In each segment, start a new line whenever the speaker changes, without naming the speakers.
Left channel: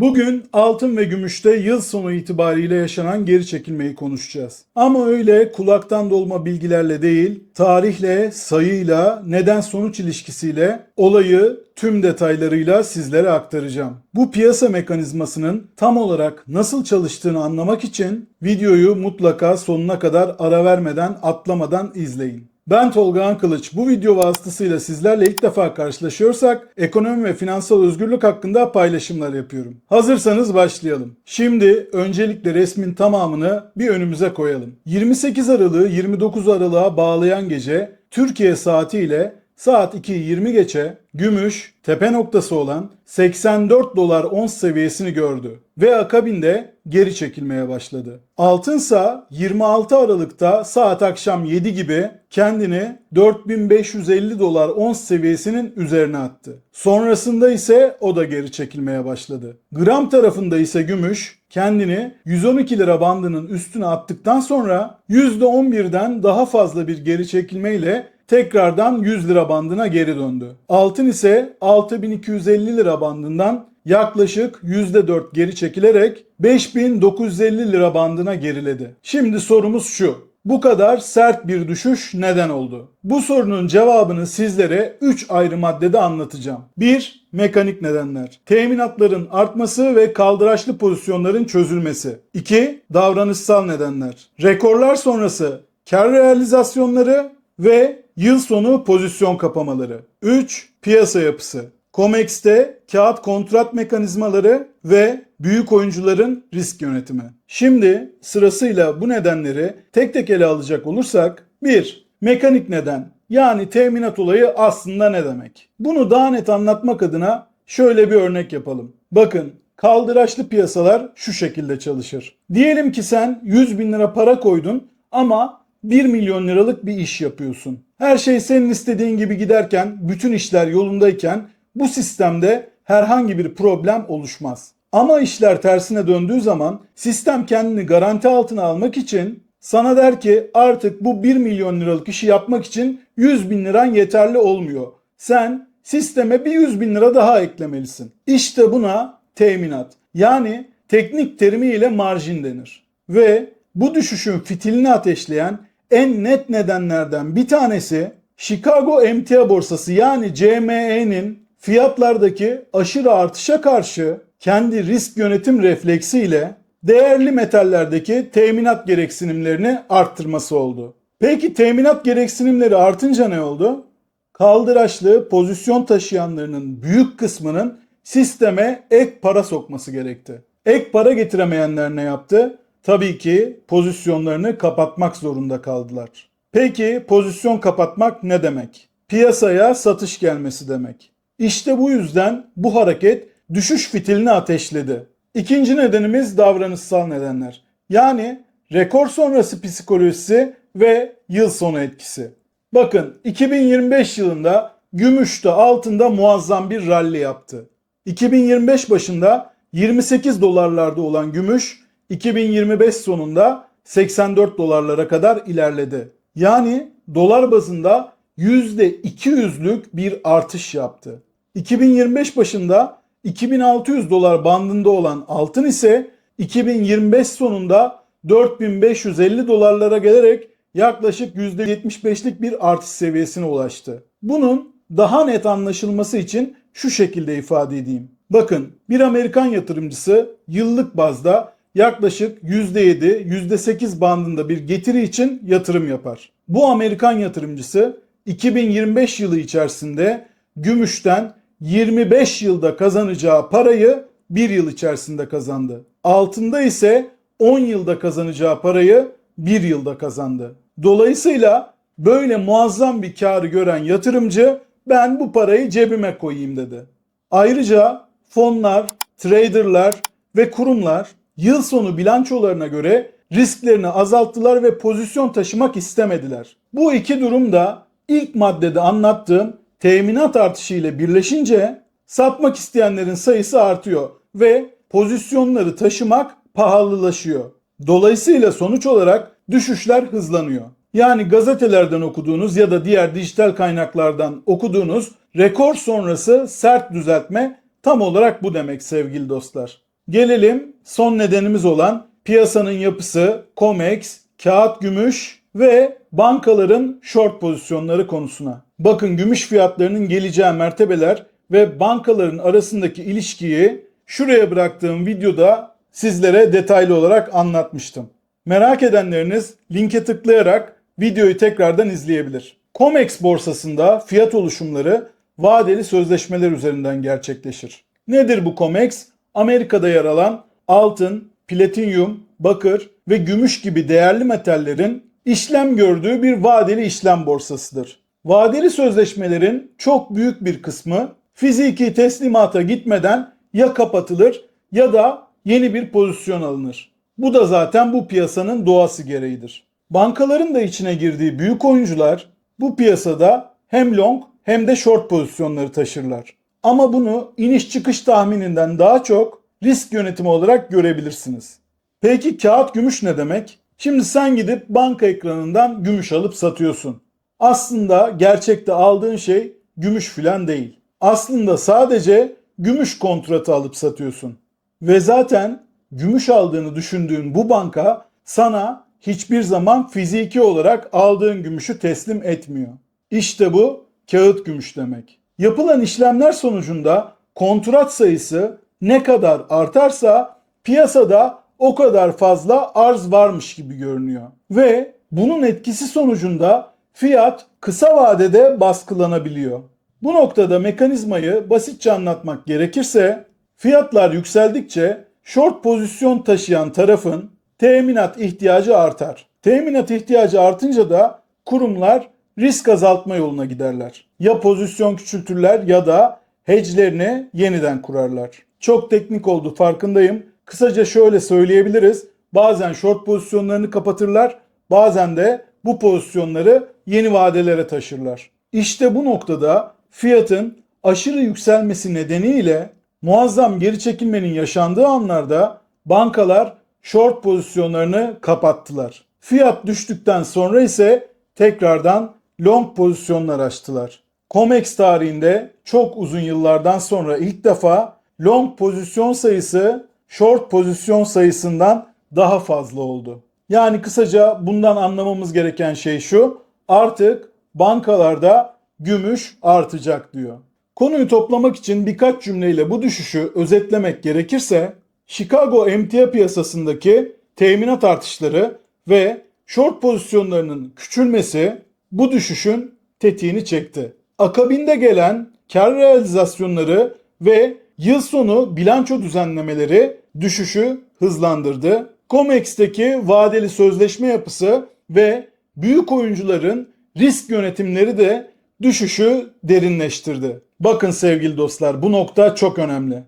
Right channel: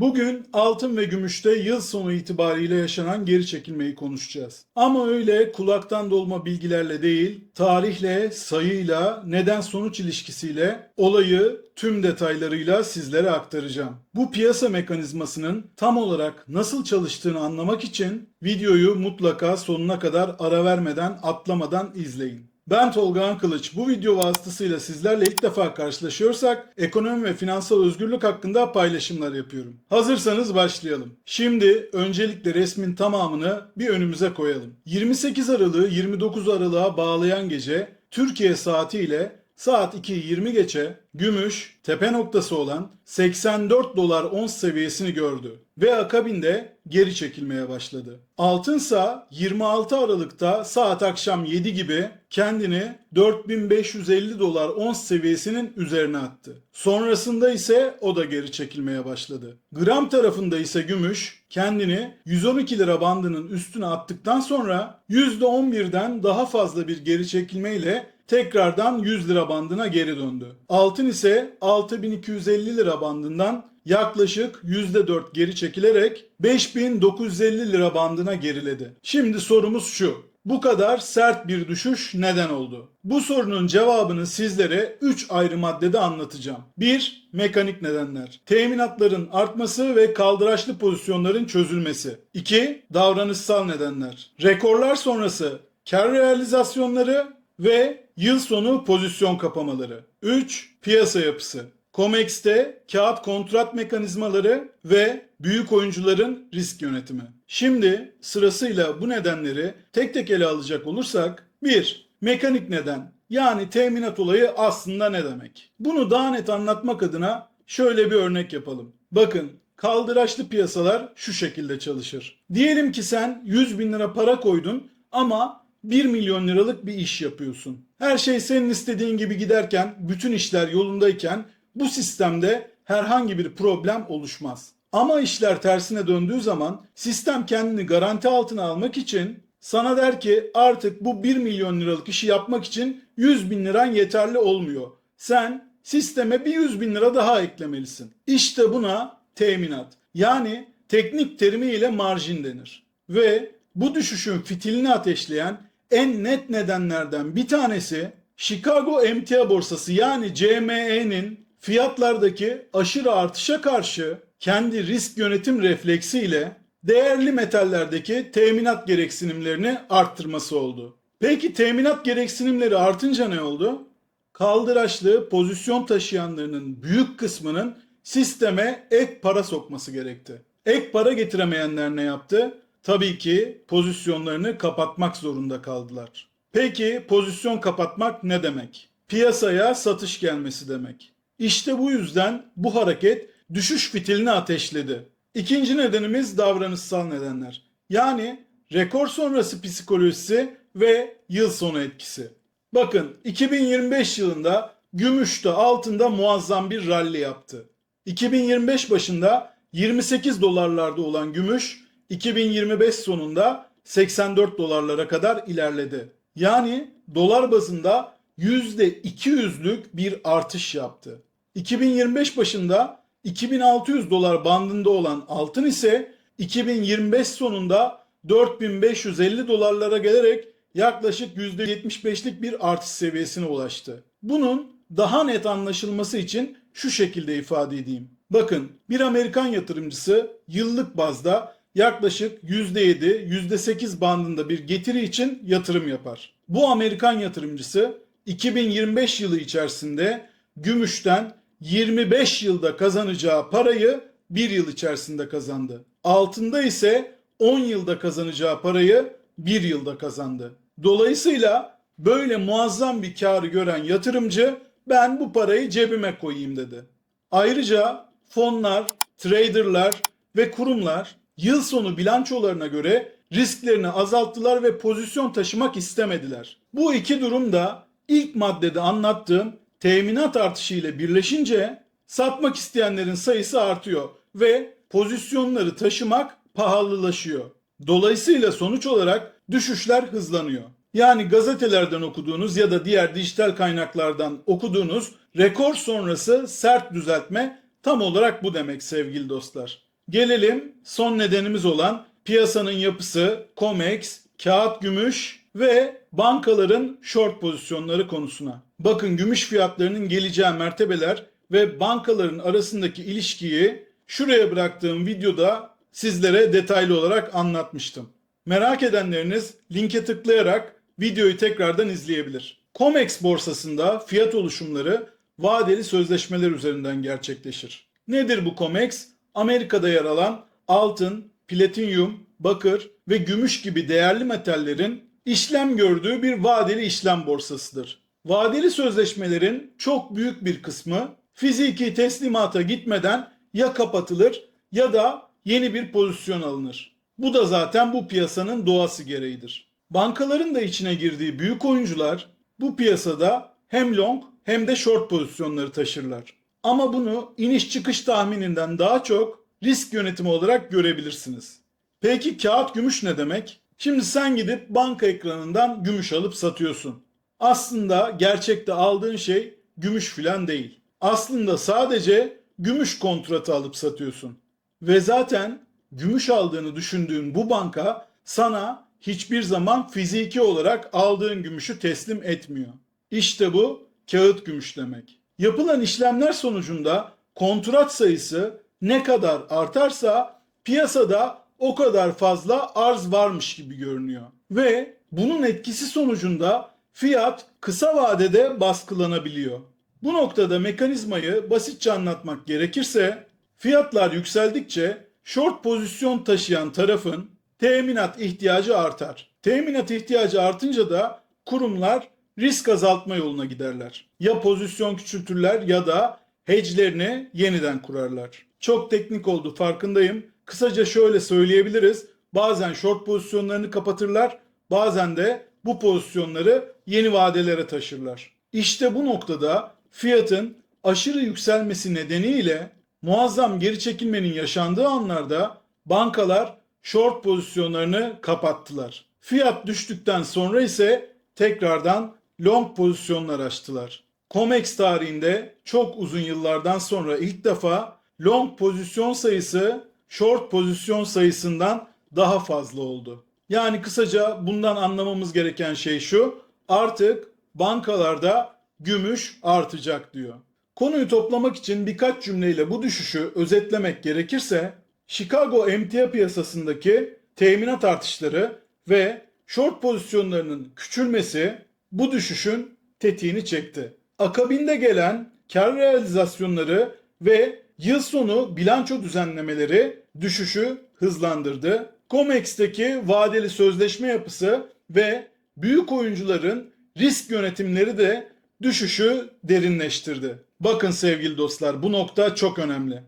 Bugün altın ve gümüşte yıl sonu itibariyle yaşanan geri çekilmeyi konuşacağız. Ama öyle kulaktan dolma bilgilerle değil, tarihle, sayıyla, neden sonuç ilişkisiyle olayı tüm detaylarıyla sizlere aktaracağım. Bu piyasa mekanizmasının tam olarak nasıl çalıştığını anlamak için videoyu mutlaka sonuna kadar ara vermeden, atlamadan izleyin. Ben Tolga Ankılıç. Bu video vasıtasıyla sizlerle ilk defa karşılaşıyorsak ekonomi ve finansal özgürlük hakkında paylaşımlar yapıyorum. Hazırsanız başlayalım. Şimdi öncelikle resmin tamamını bir önümüze koyalım. 28 Aralık'ı 29 Aralık'a bağlayan gece Türkiye saatiyle saat 2'yi 20 geçe gümüş tepe noktası olan 84 dolar ons seviyesini gördü ve akabinde geri çekilmeye başladı. Altınsa 26 Aralık'ta saat akşam 7 gibi kendini 4550 dolar ons seviyesinin üzerine attı. Sonrasında ise o da geri çekilmeye başladı. Gram tarafında ise gümüş kendini 112 lira bandının üstüne attıktan sonra %11'den daha fazla bir geri çekilmeyle tekrardan 100 lira bandına geri döndü. Altın ise 6250 lira bandından yaklaşık %4 geri çekilerek 5950 lira bandına geriledi. Şimdi sorumuz şu. Bu kadar sert bir düşüş neden oldu? Bu sorunun cevabını sizlere 3 ayrı maddede anlatacağım. 1. Mekanik nedenler. Teminatların artması ve kaldıraçlı pozisyonların çözülmesi. 2. Davranışsal nedenler. Rekorlar sonrası kar realizasyonları ve yıl sonu pozisyon kapamaları. 3. Piyasa yapısı. COMEX'te kağıt kontrat mekanizmaları ve büyük oyuncuların risk yönetimi. Şimdi sırasıyla bu nedenleri tek tek ele alacak olursak 1. Mekanik neden yani teminat olayı aslında ne demek? Bunu daha net anlatmak adına şöyle bir örnek yapalım. Bakın kaldıraçlı piyasalar şu şekilde çalışır. Diyelim ki sen 100 bin lira para koydun ama 1 milyon liralık bir iş yapıyorsun. Her şey senin istediğin gibi giderken, bütün işler yolundayken bu sistemde herhangi bir problem oluşmaz. Ama işler tersine döndüğü zaman sistem kendini garanti altına almak için sana der ki artık bu 1 milyon liralık işi yapmak için 100 bin liran yeterli olmuyor. Sen sisteme bir 100 bin lira daha eklemelisin. İşte buna teminat yani teknik terimiyle marjin denir. Ve bu düşüşün fitilini ateşleyen en net nedenlerden bir tanesi Chicago Emtia borsası yani CME'nin fiyatlardaki aşırı artışa karşı kendi risk yönetim refleksiyle değerli metallerdeki teminat gereksinimlerini arttırması oldu. Peki teminat gereksinimleri artınca ne oldu? Kaldıraçlı pozisyon taşıyanlarının büyük kısmının sisteme ek para sokması gerekti. Ek para getiremeyenler ne yaptı? Tabii ki pozisyonlarını kapatmak zorunda kaldılar. Peki pozisyon kapatmak ne demek? Piyasaya satış gelmesi demek. İşte bu yüzden bu hareket düşüş fitilini ateşledi. İkinci nedenimiz davranışsal nedenler. Yani rekor sonrası psikolojisi ve yıl sonu etkisi. Bakın 2025 yılında gümüşte altında muazzam bir rally yaptı. 2025 başında 28 dolarlarda olan gümüş 2025 sonunda 84 dolarlara kadar ilerledi. Yani dolar bazında %200'lük bir artış yaptı. 2025 başında 2600 dolar bandında olan altın ise 2025 sonunda 4550 dolarlara gelerek yaklaşık %75'lik bir artış seviyesine ulaştı. Bunun daha net anlaşılması için şu şekilde ifade edeyim. Bakın bir Amerikan yatırımcısı yıllık bazda yaklaşık %7, %8 bandında bir getiri için yatırım yapar. Bu Amerikan yatırımcısı 2025 yılı içerisinde gümüşten 25 yılda kazanacağı parayı 1 yıl içerisinde kazandı. Altında ise 10 yılda kazanacağı parayı 1 yılda kazandı. Dolayısıyla böyle muazzam bir karı gören yatırımcı ben bu parayı cebime koyayım dedi. Ayrıca fonlar, traderlar ve kurumlar yıl sonu bilançolarına göre risklerini azalttılar ve pozisyon taşımak istemediler. Bu iki durum da ilk maddede anlattığım teminat artışı ile birleşince satmak isteyenlerin sayısı artıyor ve pozisyonları taşımak pahalılaşıyor. Dolayısıyla sonuç olarak düşüşler hızlanıyor. Yani gazetelerden okuduğunuz ya da diğer dijital kaynaklardan okuduğunuz rekor sonrası sert düzeltme tam olarak bu demek sevgili dostlar. Gelelim son nedenimiz olan piyasanın yapısı, COMEX, kağıt gümüş ve bankaların short pozisyonları konusuna. Bakın gümüş fiyatlarının geleceği mertebeler ve bankaların arasındaki ilişkiyi şuraya bıraktığım videoda sizlere detaylı olarak anlatmıştım. Merak edenleriniz linke tıklayarak videoyu tekrardan izleyebilir. COMEX borsasında fiyat oluşumları vadeli sözleşmeler üzerinden gerçekleşir. Nedir bu COMEX? Amerika'da yer alan altın, platinyum, bakır ve gümüş gibi değerli metallerin işlem gördüğü bir vadeli işlem borsasıdır. Vadeli sözleşmelerin çok büyük bir kısmı fiziki teslimata gitmeden ya kapatılır ya da yeni bir pozisyon alınır. Bu da zaten bu piyasanın doğası gereğidir. Bankaların da içine girdiği büyük oyuncular bu piyasada hem long hem de short pozisyonları taşırlar. Ama bunu iniş çıkış tahmininden daha çok risk yönetimi olarak görebilirsiniz. Peki kağıt gümüş ne demek? Şimdi sen gidip banka ekranından gümüş alıp satıyorsun. Aslında gerçekte aldığın şey gümüş filan değil. Aslında sadece gümüş kontratı alıp satıyorsun. Ve zaten gümüş aldığını düşündüğün bu banka sana hiçbir zaman fiziki olarak aldığın gümüşü teslim etmiyor. İşte bu kağıt gümüş demek. Yapılan işlemler sonucunda kontrat sayısı ne kadar artarsa piyasada o kadar fazla arz varmış gibi görünüyor. Ve bunun etkisi sonucunda fiyat kısa vadede baskılanabiliyor. Bu noktada mekanizmayı basitçe anlatmak gerekirse fiyatlar yükseldikçe short pozisyon taşıyan tarafın teminat ihtiyacı artar. Teminat ihtiyacı artınca da kurumlar risk azaltma yoluna giderler. Ya pozisyon küçültürler ya da hedge'lerini yeniden kurarlar. Çok teknik oldu farkındayım. Kısaca şöyle söyleyebiliriz. Bazen short pozisyonlarını kapatırlar, bazen de bu pozisyonları yeni vadelere taşırlar. İşte bu noktada fiyatın aşırı yükselmesi nedeniyle muazzam geri çekilmenin yaşandığı anlarda bankalar short pozisyonlarını kapattılar. Fiyat düştükten sonra ise tekrardan long pozisyonlar açtılar. COMEX tarihinde çok uzun yıllardan sonra ilk defa long pozisyon sayısı short pozisyon sayısından daha fazla oldu. Yani kısaca bundan anlamamız gereken şey şu. Artık bankalarda gümüş artacak diyor. Konuyu toplamak için birkaç cümleyle bu düşüşü özetlemek gerekirse Chicago emtia piyasasındaki teminat artışları ve short pozisyonlarının küçülmesi bu düşüşün tetiğini çekti. Akabinde gelen kar realizasyonları ve yıl sonu bilanço düzenlemeleri düşüşü hızlandırdı. COMEX'teki vadeli sözleşme yapısı ve büyük oyuncuların risk yönetimleri de düşüşü derinleştirdi. Bakın sevgili dostlar bu nokta çok önemli.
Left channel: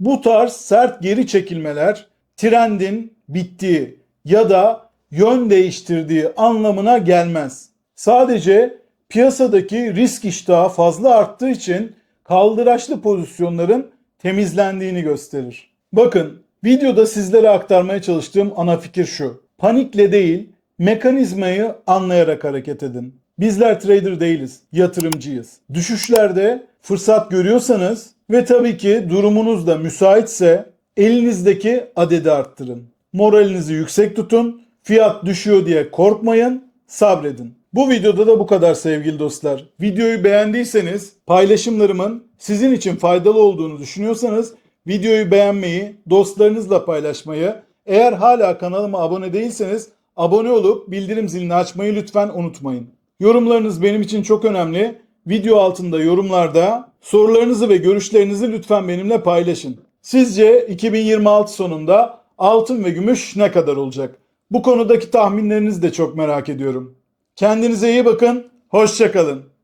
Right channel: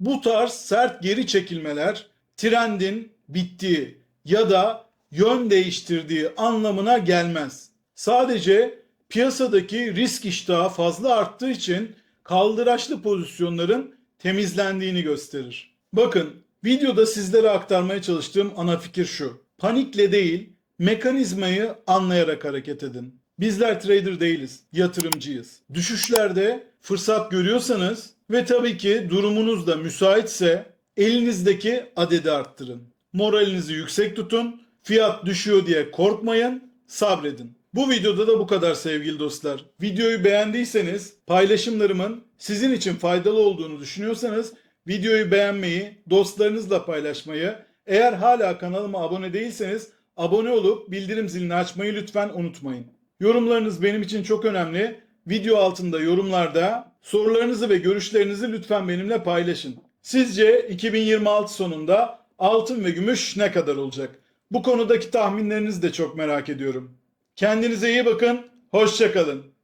Bu tarz sert geri çekilmeler trendin bittiği ya da yön değiştirdiği anlamına gelmez. Sadece piyasadaki risk iştahı fazla arttığı için kaldıraçlı pozisyonların temizlendiğini gösterir. Bakın videoda sizlere aktarmaya çalıştığım ana fikir şu. Panikle değil mekanizmayı anlayarak hareket edin. Bizler trader değiliz, yatırımcıyız. Düşüşlerde fırsat görüyorsanız ve tabii ki durumunuz da müsaitse elinizdeki adedi arttırın. Moralinizi yüksek tutun. Fiyat düşüyor diye korkmayın, sabredin. Bu videoda da bu kadar sevgili dostlar. Videoyu beğendiyseniz, paylaşımlarımın sizin için faydalı olduğunu düşünüyorsanız videoyu beğenmeyi, dostlarınızla paylaşmayı, eğer hala kanalıma abone değilseniz abone olup bildirim zilini açmayı lütfen unutmayın. Yorumlarınız benim için çok önemli. Video altında yorumlarda sorularınızı ve görüşlerinizi lütfen benimle paylaşın. Sizce 2026 sonunda altın ve gümüş ne kadar olacak? Bu konudaki tahminlerinizi de çok merak ediyorum. Kendinize iyi bakın, hoşçakalın.